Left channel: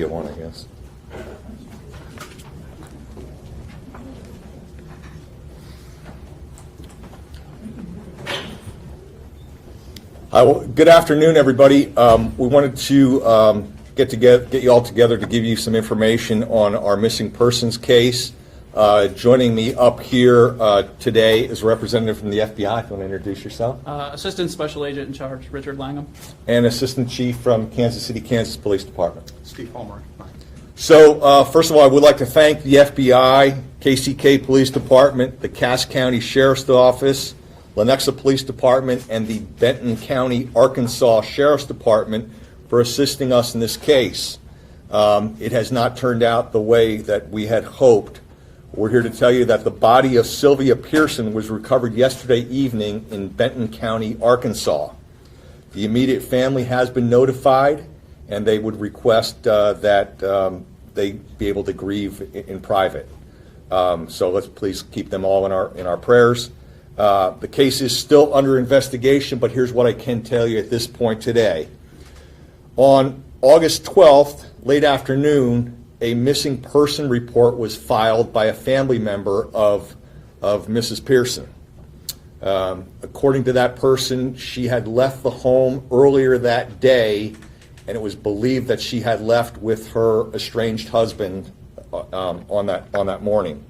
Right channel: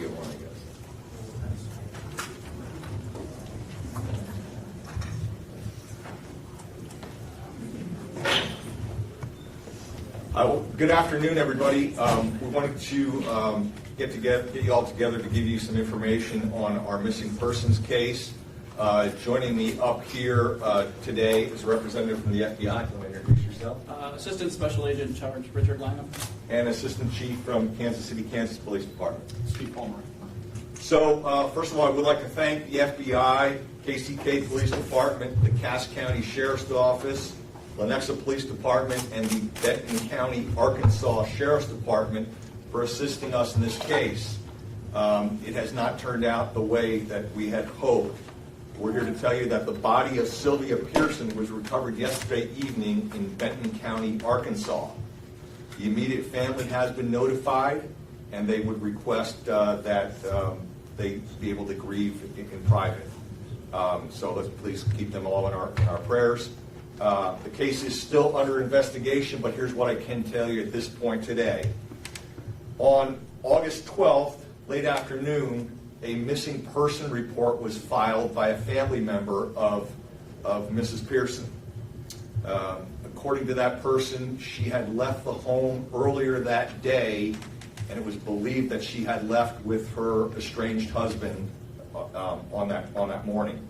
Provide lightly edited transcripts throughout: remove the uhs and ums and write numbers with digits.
media one, I guess. Good afternoon, everybody. We wanted to get you all together to give you some information on our missing persons case. Joining me up here today is a representative from the FBI. Can you introduce yourself? Assistant Special Agent in Charge, Richard Langham. And Assistant Chief from Kansas City, Kansas Police Department. Steve Palmer. So, first of all, I would like to thank the FBI, KCK Police Department, the Cass County Sheriff's Office, Lenexa Police Department, and the Benton County, Arkansas Sheriff's Department for assisting us in this case. It has not turned out the way that we had hoped. We're here to tell you that the body of Sylvia Pearson was recovered yesterday evening in Benton County, Arkansas. The immediate family has been notified, and they would request that they be able to grieve in private. So let's please keep them all in our prayers. The case is still under investigation, but here's what I can tell you at this point today. On August 12th, late afternoon, a missing person report was filed by a family member of Mrs. Pearson. According to that person, she had left the home earlier that day, and it was believed that she had left with her estranged husband on that morning.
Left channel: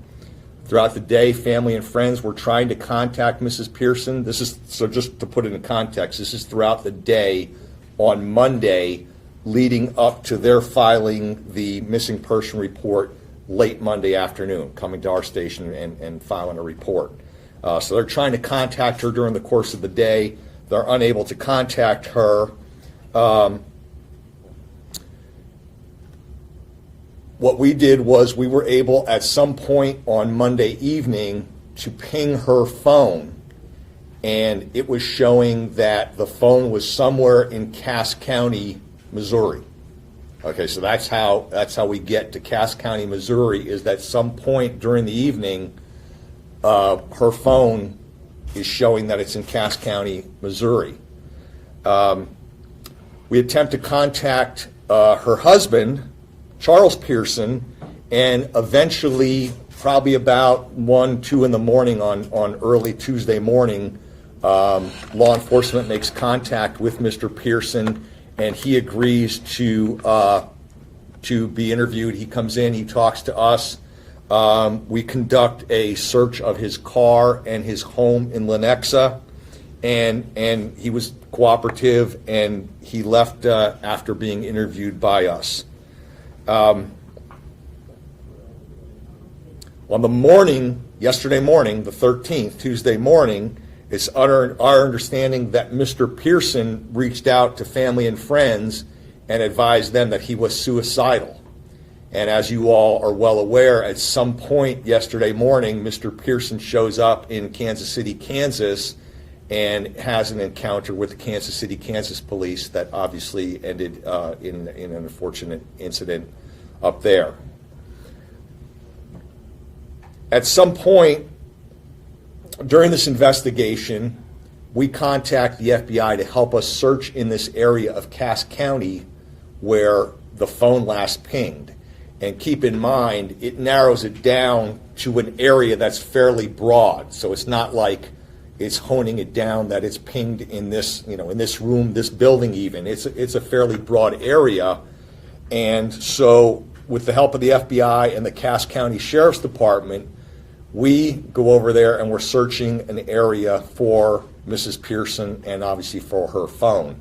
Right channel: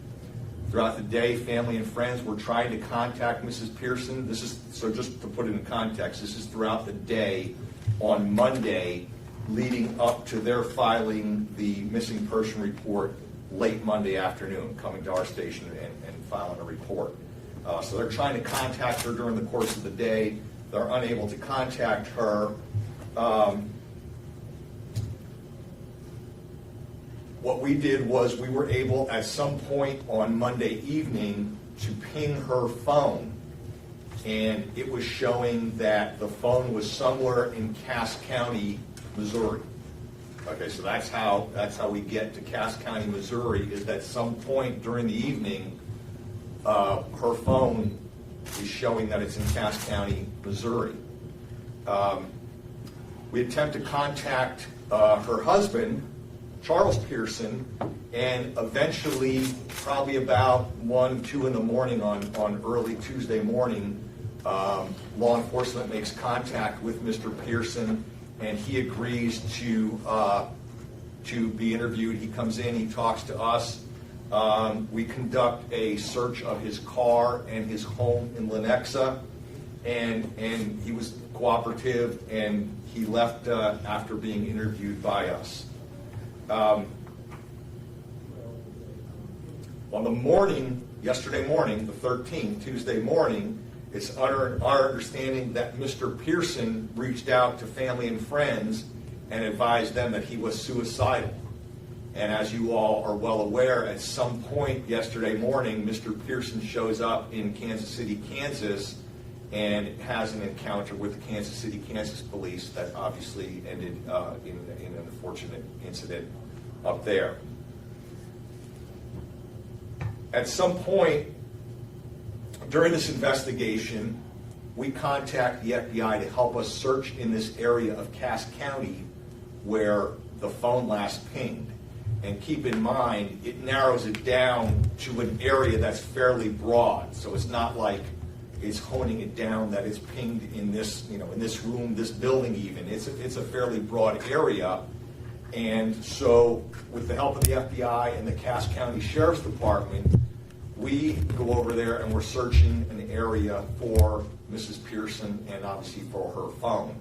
Throughout the day, family and friends were trying to contact Mrs. Pearson. This is, so just to put it in context, this is throughout the day on Monday leading up to their filing the missing person report late Monday afternoon, coming to our station and filing a report. So they're trying to contact her during the course of the day. They're unable to contact her. What we did was we were able at some point on Monday evening to ping her phone, and it was showing that the phone was somewhere in Cass County, Missouri. Okay, so that's how we get to Cass County, Missouri, is that some point during the evening her phone is showing that it's in Cass County, Missouri. We attempt to contact her husband, Charles Pearson, and eventually, probably about 1, 2 in the morning on early Tuesday morning, law enforcement makes contact with Mr. Pearson, and he agrees to be interviewed. He comes in, he talks to us. We conduct a search of his car and his home in Lenexa, and he was cooperative, and he left after being interviewed by us. On the morning, yesterday morning, the 13th, Tuesday morning, it's our understanding that Mr. Pearson reached out to family and friends and advised them that he was suicidal. And as you all are well aware, at some point yesterday morning, Mr. Pearson shows up in Kansas City, Kansas, and has an encounter with the Kansas City, Kansas police that obviously ended in an unfortunate incident up there. At some point during this investigation, we contact the FBI to help us search in this area of Cass County where the phone last pinged. And keep in mind, it narrows it down to an area that's fairly broad. So it's not like it's honing it down that it's pinged in this, in this room, this building even. It's a fairly broad area. And so with the help of the FBI and the Cass County Sheriff's Department, we go over there and we're searching an area for Mrs. Pearson and obviously for her phone.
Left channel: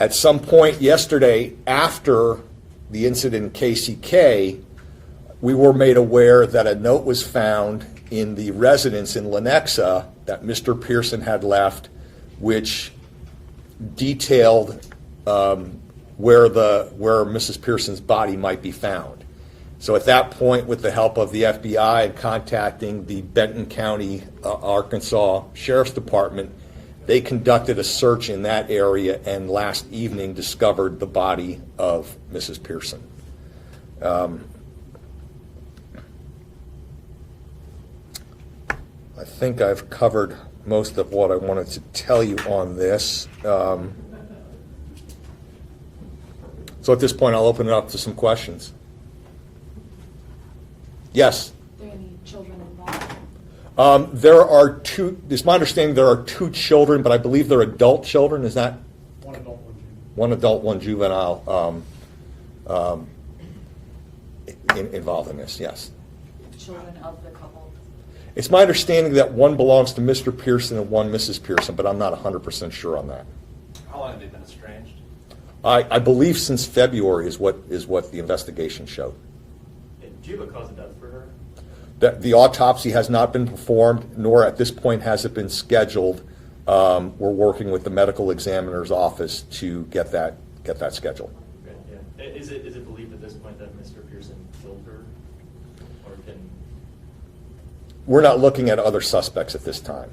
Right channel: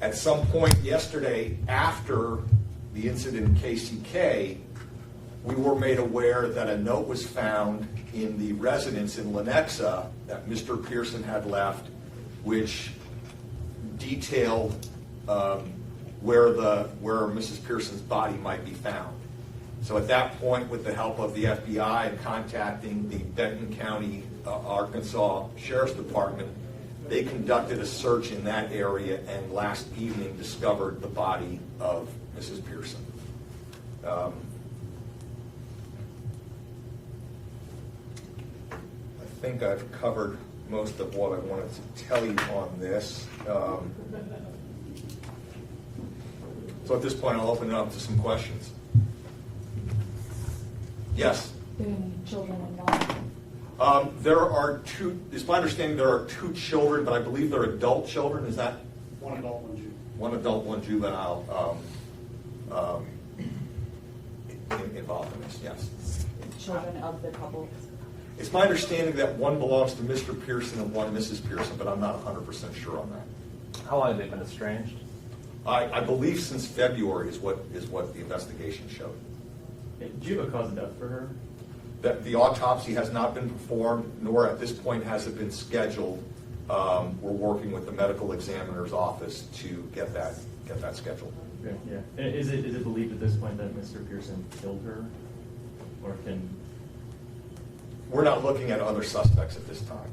At some point yesterday, after the incident in KCK, we were made aware that a note was found in the residence in Lenexa that Mr. Pearson had left, which detailed where Mrs. Pearson's body might be found. So at that point, with the help of the FBI and contacting the Benton County, Arkansas Sheriff's Department, they conducted a search in that area and last evening discovered the body of Mrs. Pearson. I think I've covered most of what I wanted to tell you on this. So at this point, I'll open it up to some questions. Yes? Are there any children involved? There are two, it's my understanding there are 2 children, but I believe they're adult children, is that? One adult, one juvenile. One adult, one juvenile involved in this, yes. Children of the couple? It's my understanding that one belongs to Mr. Pearson and one Mrs. Pearson, but I'm not 100% sure on that. How long have they been estranged? I believe since February is what the investigation showed. Do you have a cause of death for her? That the autopsy has not been performed, nor at this point has it been scheduled. We're working with the medical examiner's office to get that scheduled. Okay, yeah. And is it believed at this point that Mr. Pearson killed her? Or can... We're not looking at other suspects at this time.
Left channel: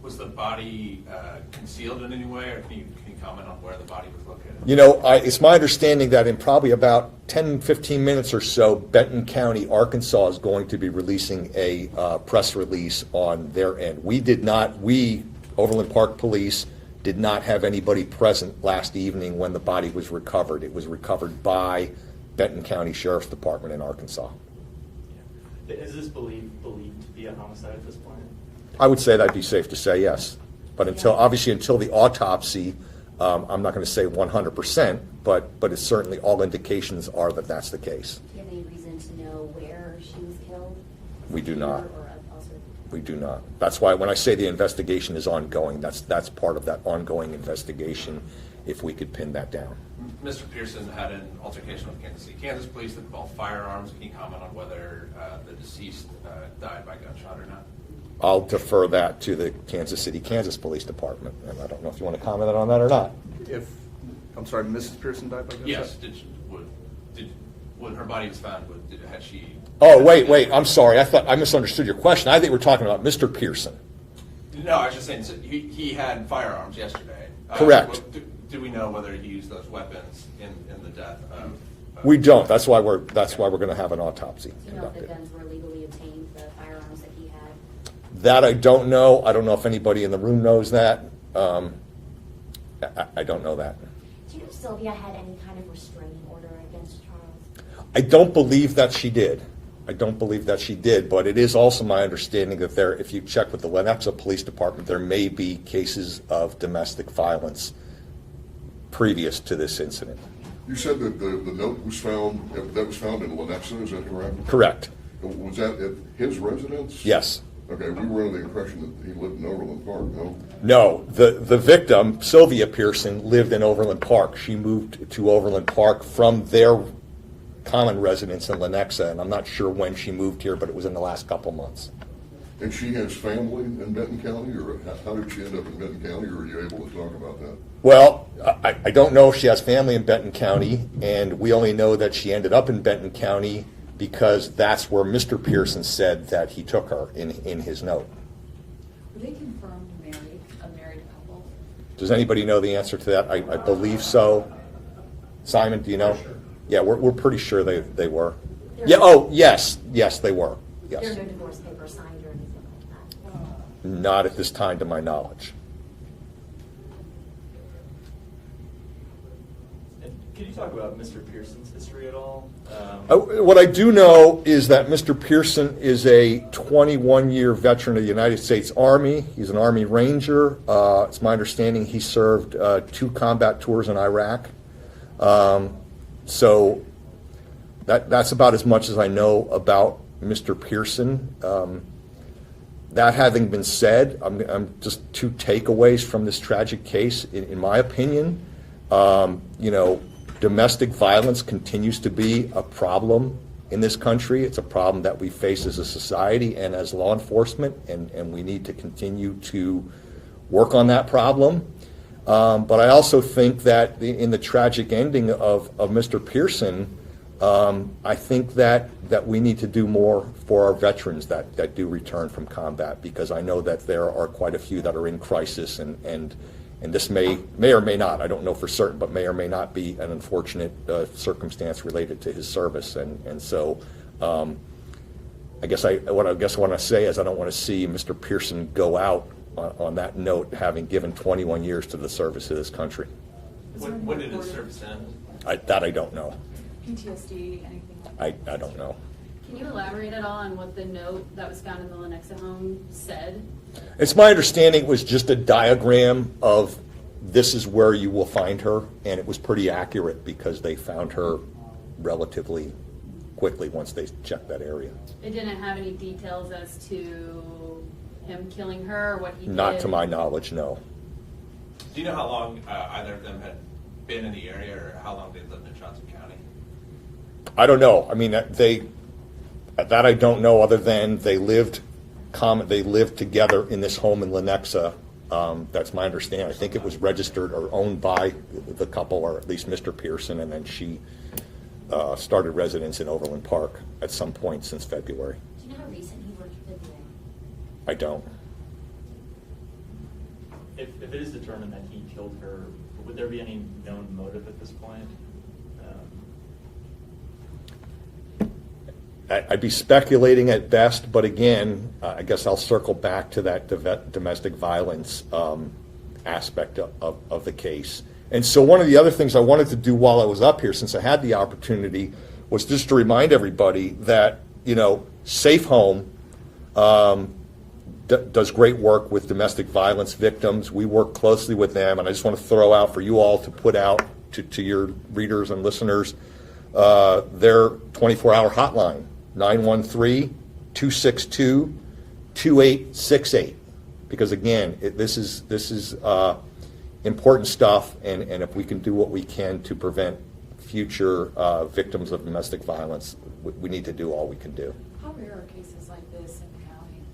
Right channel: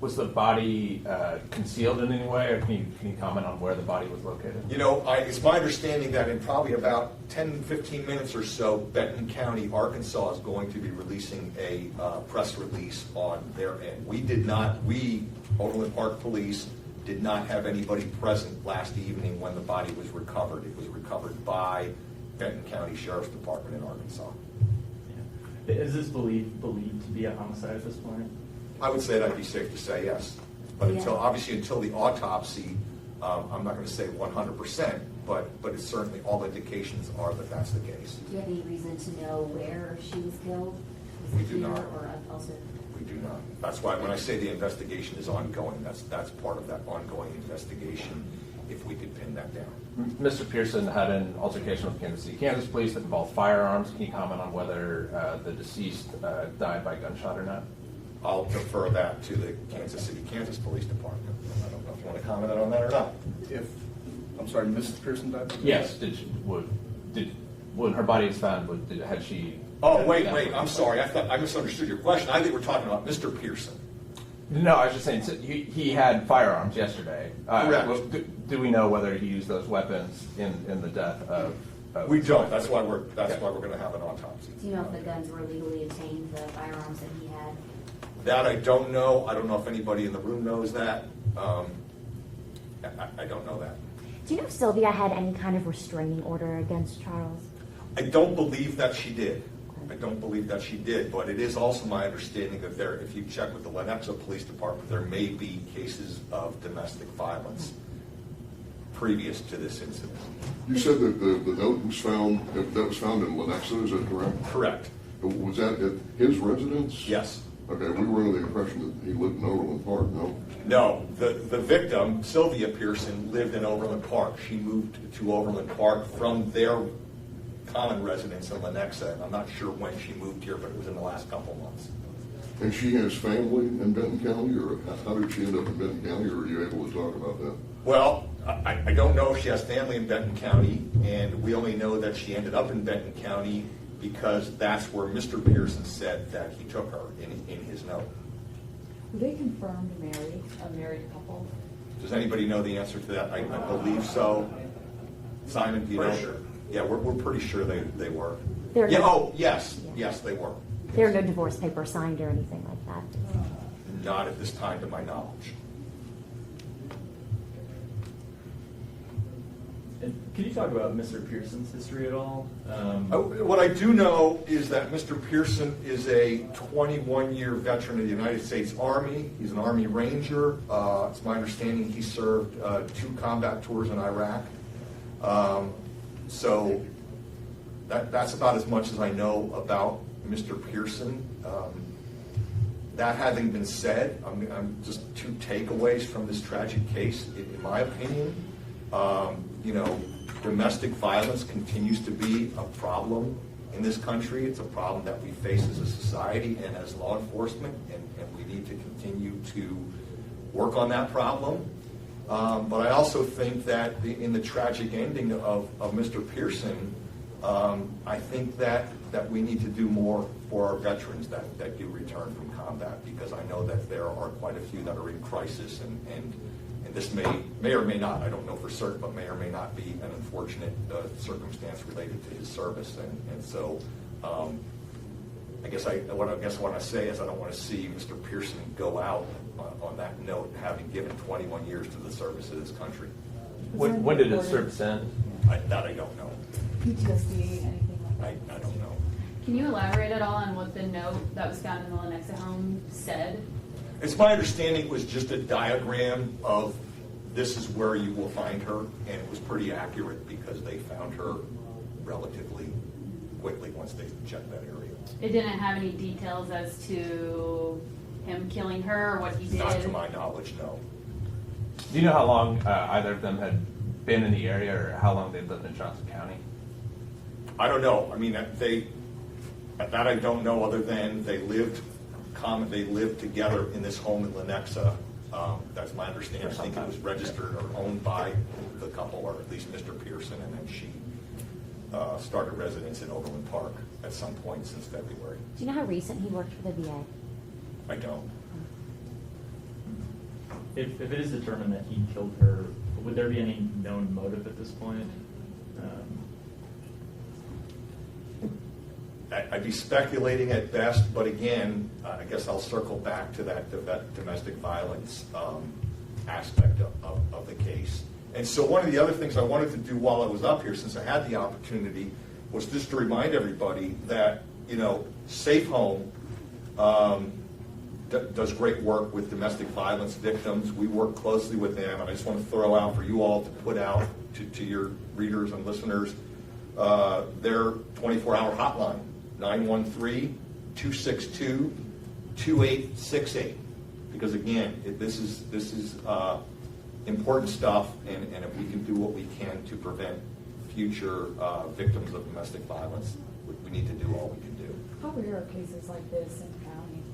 Was the body concealed in any way, or can you comment on where the body was located? You know, it's my understanding that in probably about 10, 15 minutes or so, Benton County, Arkansas is going to be releasing a press release on their end. We, Overland Park Police, did not have anybody present last evening when the body was recovered. It was recovered by Benton County Sheriff's Department in Arkansas. Yeah. Is this believed to be a homicide at this point? I would say that'd be safe to say, yes. But obviously until the autopsy, I'm not going to say 100%, but it's certainly all indications are that that's the case. Do you have any reason to know where she was killed? We do not. Or elsewhere? We do not. That's why when I say the investigation is ongoing, that's part of that ongoing investigation, if we could pin that down. Mr. Pearson had an altercation with Kansas City, Kansas police that involved firearms. Can you comment on whether the deceased died by gunshot or not? I'll defer that to the Kansas City, Kansas Police Department, and I don't know if you want to comment on that or not. I'm sorry, Mrs. Pearson died? Yes. When her body was found, had she? Oh, wait, I'm sorry. I misunderstood your question. I think we're talking about Mr. Pearson. No, I was just saying, so he had firearms yesterday. Correct. Do we know whether he used those weapons in the death of? We don't. That's why we're going to have an autopsy. Do you know if the guns were legally obtained, the firearms that he had? That I don't know. I don't know if anybody in the room knows that. I don't know that. Do you know if Sylvia had any kind of restraining order against Charles? I don't believe that she did. But it is also my understanding that if you check with the Lenexa Police Department, there may be cases of domestic violence previous to this incident. You said that the note was found in Lenexa, is that correct? Correct. Was that at his residence? Yes. Okay, we were under the impression that he lived in Overland Park, no? No, the victim, Sylvia Pearson, lived in Overland Park. She moved to Overland Park from their common residence in Lenexa, and I'm not sure when she moved here, but it was in the last couple months. And she has family in Benton County, or how did she end up in Benton County, or are you able to talk about that? Well, I don't know if she has family in Benton County, and we only know that she ended up in Benton County because that's where Mr. Pearson said that he took her in his note. Were they confirmed a married couple? Does anybody know the answer to that? I believe so. Simon, do you know? Sure. Yeah, we're pretty sure they were. There- Yeah. Oh, yes, they were. There are Yes. no divorce papers signed or anything like that. Not at this time, to my knowledge. And can you talk about Mr. Pearson's history at all? What I do know is that Mr. Pearson is a 21-year veteran of the United States Army. He's an Army Ranger. It's my understanding he served 2 combat tours in Iraq. So that's about as much as I know about Mr. Pearson. That having been said, I'm just 2 takeaways from this tragic case, in my opinion. Domestic violence continues to be a problem in this country. It's a problem that we face as a society and as law enforcement, and we need to continue to work on that problem. But I also think that in the tragic ending of Mr. Pearson, I think that we need to do more for our veterans that do return from combat, because I know that there are quite a few that are in crisis, and this may or may not, I don't know for certain, but may or may not be an unfortunate circumstance related to his service. And so I guess what I want to say is I don't want to see Mr. Pearson go out on that note, having given 21 years to the service of this country. When did it service end? That I don't know. PTSD, anything like that? I don't know. Can you elaborate at all on what the note that was found in the Lenexa home said? It's my understanding it was just a diagram of this is where you will find her, and it was pretty accurate because they found her relatively quickly once they checked that area. It didn't have any details as to him killing her or what he did? Not to my knowledge, no. Do you know how long either of them had been in the area, or how long they'd lived in Johnson County? I don't know. I mean, that I don't know, other than they lived together in this home in Lenexa. That's my understanding. I think it was registered or owned by the couple, or at least Mr. Pearson, and then she started residence in Overland Park at some point since February. Do you know how recent he worked for the VA? I don't. If it is determined that he killed her, would there be any known motive at this point? I'd be speculating at best, but again, I guess I'll circle back to that domestic violence aspect of the case. And so one of the other things I wanted to do while I was up here, since I had the opportunity, was just to remind everybody that, Safe Home does great work with domestic violence victims. We work closely with them, and I just want to throw out for you all to put out to your readers and listeners their 24-hour hotline, 913-262-2868. Because again, this is important stuff, and if we can do what we can to prevent future victims of domestic violence, we need to do all we can do. How rare are cases like this in the county?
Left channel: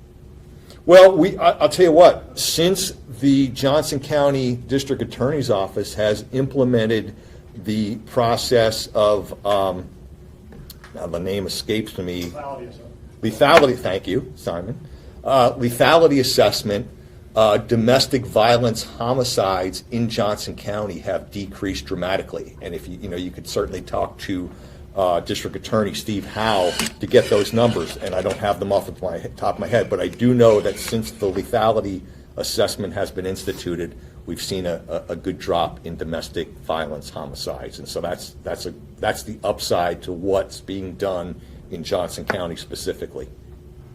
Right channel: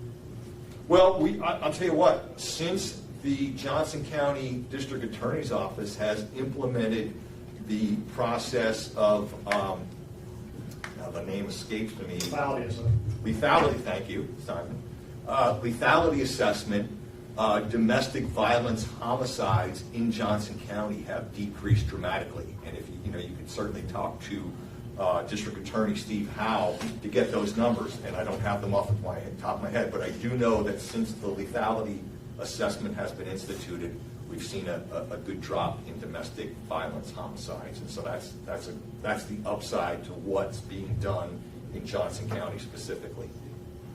Well, I'll tell you what, since the Johnson County District Attorney's Office has implemented the process of, now the name escapes me. Lethality, thank you, Simon. Lethality assessment, domestic violence homicides in Johnson County have decreased dramatically. And if you could certainly talk to District Attorney Steve Howe to get those numbers, and I don't have them off the top of my head, but I do know that since the lethality assessment has been instituted, we've seen a good drop in domestic violence homicides, and so that's the upside to what's being done in Johnson County specifically.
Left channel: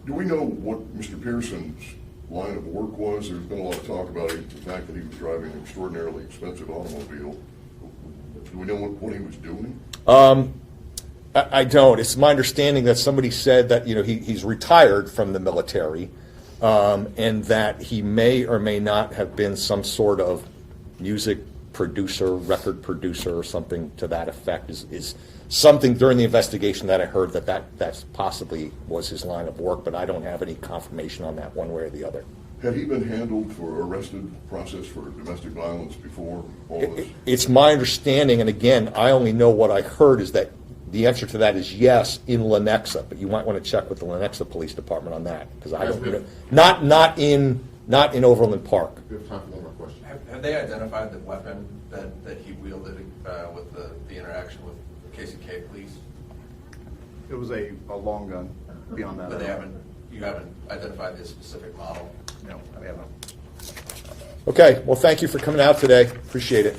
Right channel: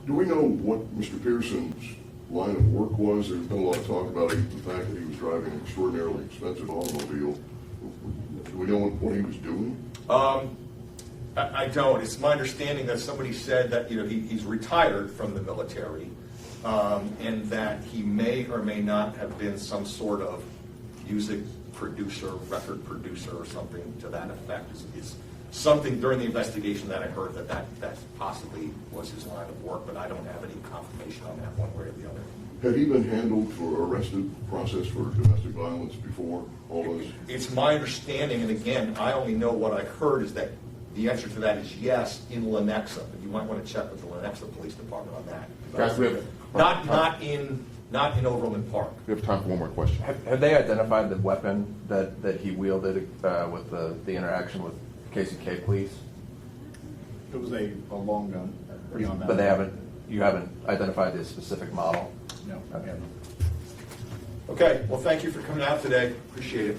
Do we know what Mr. Pearson's line of work was? There's been a lot of talk about the fact that he was driving an extraordinarily expensive automobile. Do we know what he was doing? I don't. It's my understanding that somebody said that he's retired from the military, and that he may or may not have been some sort of music producer, record producer, or something to that effect. Is something during the investigation that I heard that possibly was his line of work, but I don't have any confirmation on that one way or the other. Had he been handled for arrested process for domestic violence before all this? It's my understanding, and again, I only know what I heard, is that the answer to that is yes in Lenexa, but you might want to check with the Lenexa Police Department on that, because not in Overland Park. We have time for one more question. Have they identified the weapon that he wielded with the interaction with KCK police? It was a long gun, beyond that. But you haven't identified the specific model? No, I haven't. Okay, well, thank you for coming out today. Appreciate it.